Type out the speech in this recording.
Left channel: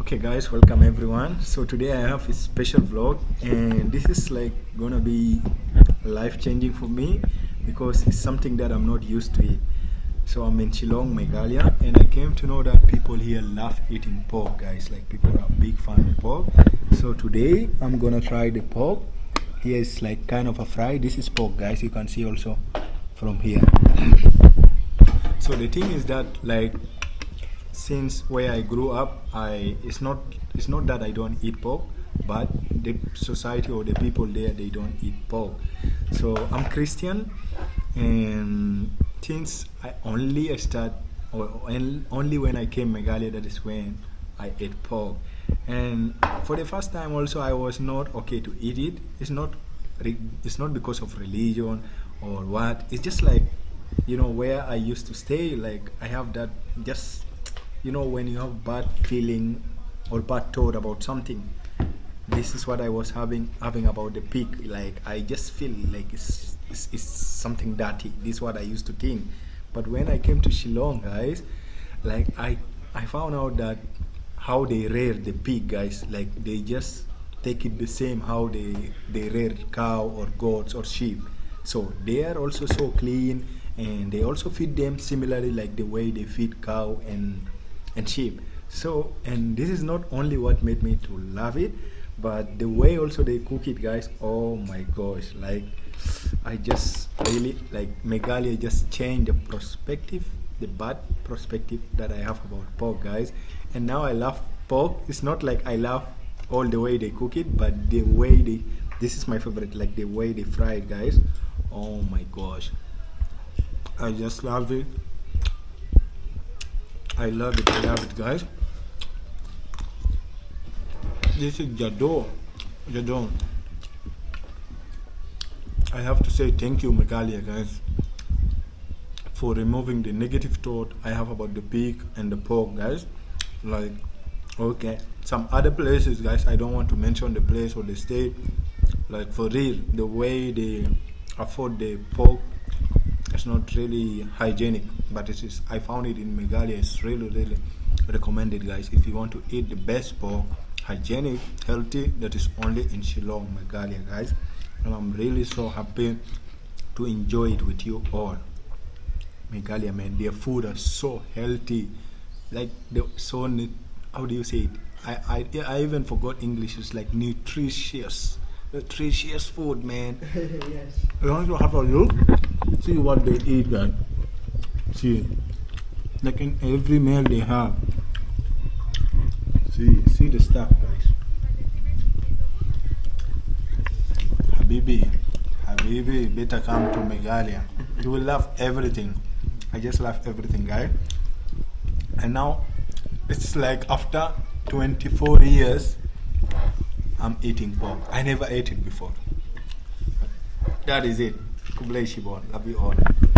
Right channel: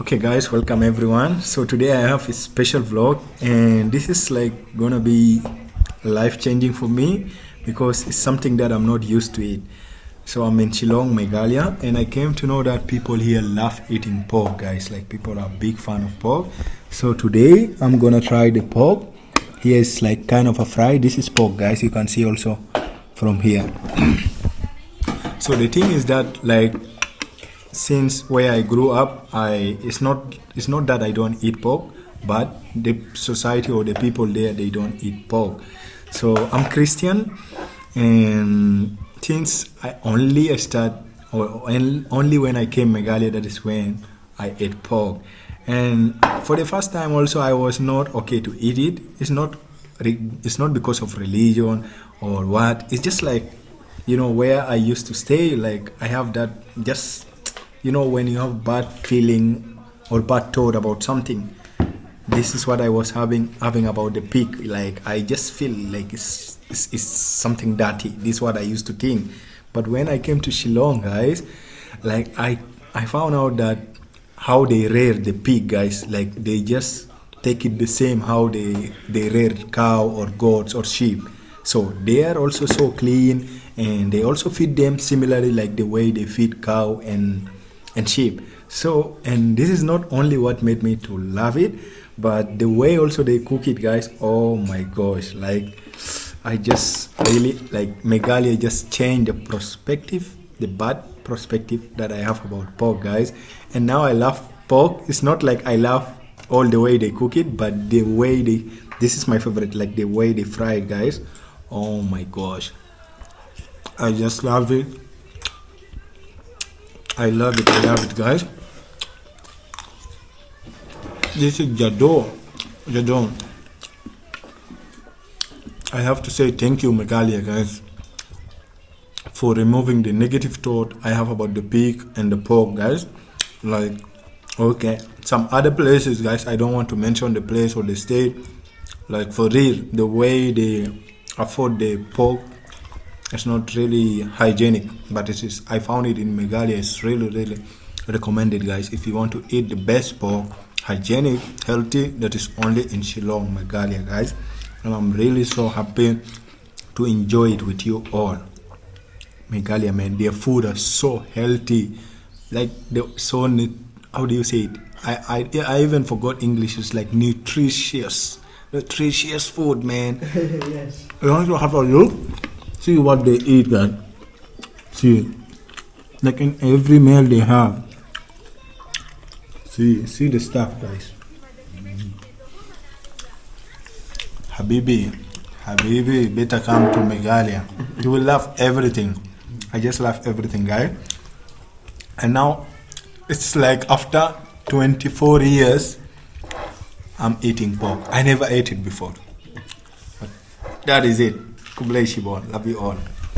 Okay guys, welcome everyone. So today I have a special vlog and this is like gonna be life changing for me because it's something that I'm not used to it. So I'm in Shillong, Meghalaya, and I came to know that people here love eating pork, guys. Like people are big fan of pork. So today I'm gonna try the pork. Here is like kind of a fry. This is pork, guys. You can see also from here. So the thing is that like since where I grew up, it's not that I don't eat pork, but the society or the people there they don't eat pork. So I'm Christian, and since I only start or only when I came Meghalaya, that is when I ate pork. And for the first time also I was not okay to eat it. It's not because of religion or what. It's just like where I used to stay. Like I have that just when you have bad feeling or bad thought about something, this is what I was having about the pig. Like I just feel like it's something dirty. This is what I used to think. But when I came to Shillong, guys, like I found out that how they rear the pig, guys, like they just take it the same how they rear cow or goats or sheep. So they are also so clean, and they also feed them similarly like the way they feed cow and sheep. So, and this is not only what made me to love it, but the way also they cook it, guys. Oh my gosh, like I just really like Meghalaya just changed the perspective, the bad perspective that I have about pork, guys. And now I love pork. It's not like I love all the way they cook it, but the way this is my favorite, like the way they fry it, guys. Oh my gosh, I just love it. I love it, guys. This is Jadon. I have to say thank you, Meghalaya, guys, for removing the negative thought I have about the pig and the pork, guys. Like, okay, some other places, guys, I don't want to mention the place or the state. Like for real, the way they afford the pork, it's not really hygienic, but it is. I found it in Meghalaya. It's really recommended, guys. If you want to eat the best pork, hygienic, healthy, that is only in Shillong, Meghalaya, guys. And I'm really so happy to enjoy it with you all. Meghalaya, man, their food are so healthy. Like how do you say it? I even forgot English. It's like nutritious food, man. Yes. You want to have a look? See what they eat, guys. See, like in every meal they have. See the stuff, guys. Habibi, better come to Meghalaya. You will love everything. I just love everything, guys. And now it's like after 24 years, I'm eating pork. I never ate it before. That is it. Kublai Shibon. Love you all.